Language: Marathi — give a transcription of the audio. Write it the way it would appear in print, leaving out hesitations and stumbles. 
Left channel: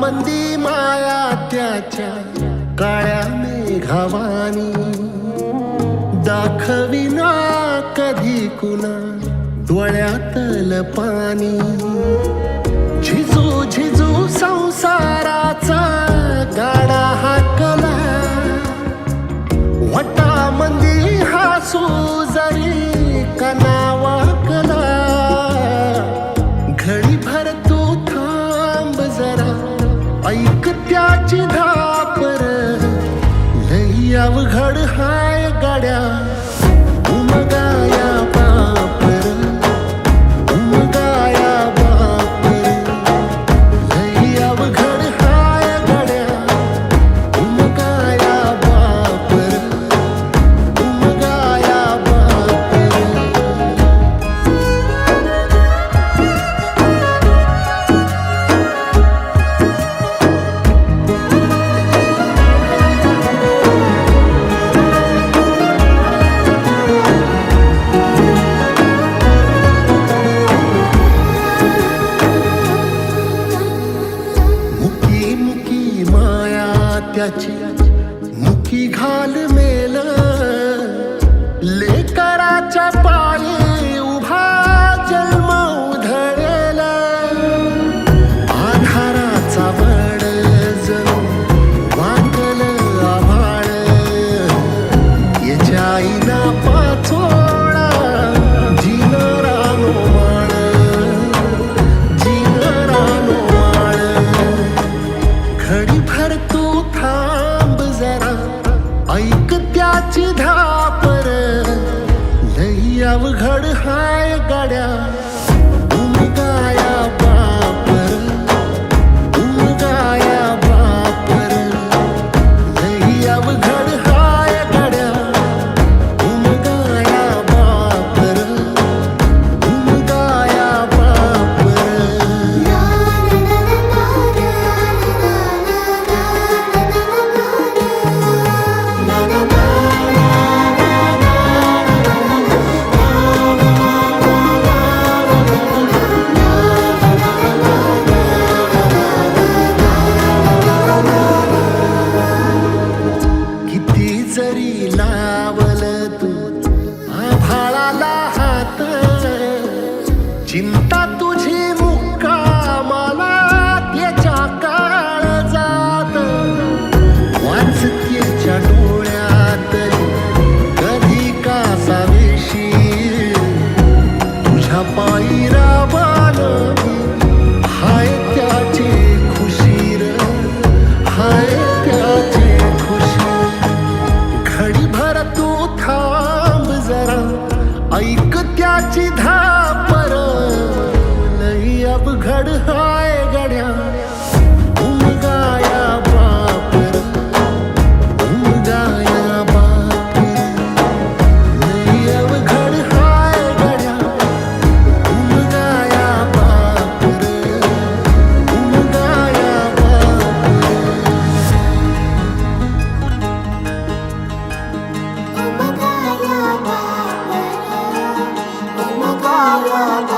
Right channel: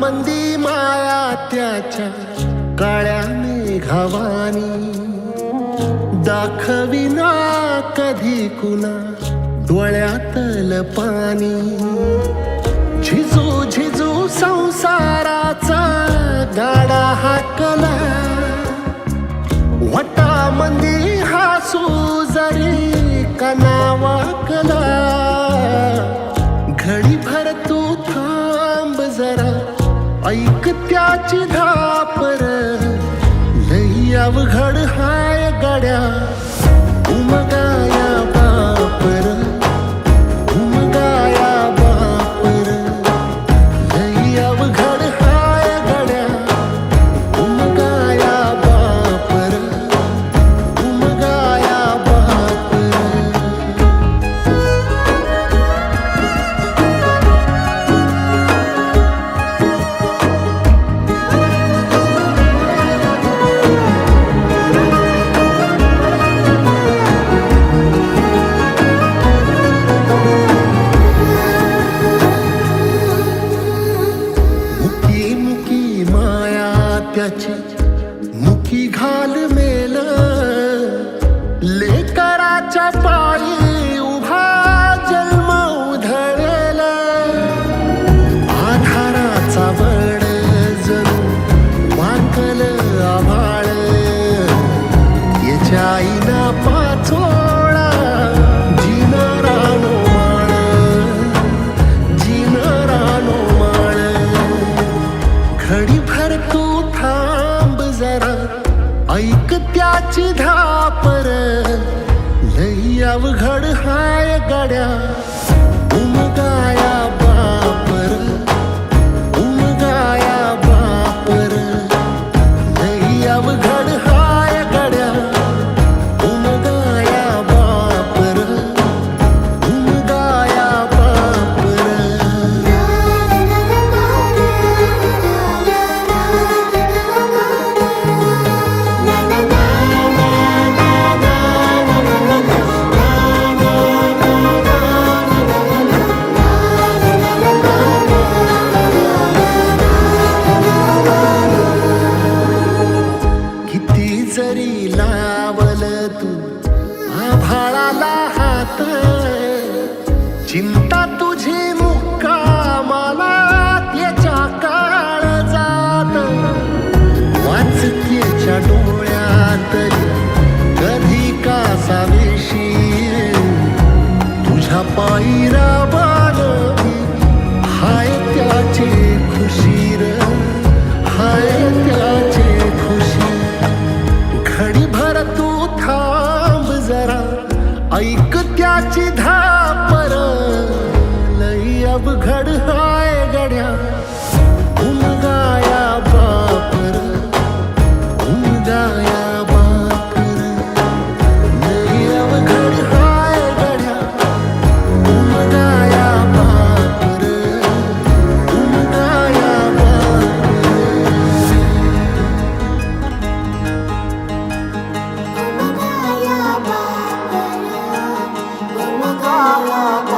मंदी माया त्याच्या काळ्या मेघावानी, दाखविना कधी कुणा डोळ्यातल पाणी. झिजू झिजू संसाराचा गाडा हाकला, वटामंदी हासू जरी कणा वाकला. घडीभर तू थांब जरा, ऐक त्याची धापर, लई अवघड हाय गड्या उमगाया बापर, उमगाया बापर. लई अवघड हाय गड्या उमगाया बापर, उमगाया बापर. मुकी मुकी माया त्याची मुकी घाल मेल, लेकराच्या पायी उभा जन्म उधळेल. आधाराचा बळ जणू वाकल आभाळ, याच्या आईना पाचोळा जिनरानो माळ, जिनरानो माळ. घडीभर तू थांब जरा, ऐक त्याची धापर, लई अवघड हाय गड्या उमगाया बापर, उमगाया बापर. लई अवघड हाय गड्या उमगाया बापर, उमगाया बापर. किती जरी लावल तू आभाळाला हात, चिंता तुझी मुक्कामाला त्याच्या काळजात. वाचतेच्या डोळ्यातली कधी कासावेशी, तुझ्या पायी राबान मी हाय त्याचे खुशीर, हाय त्याचे खुशी. घडीभर तू थांब जरा, ऐक त्याची धापर, लई अवघड हाय गड्या उमगाया बापर, उमगाया बापर. लई अवघड हाय गड्या उमगाया बापर, उमगाया बापर. उमगाया बापर.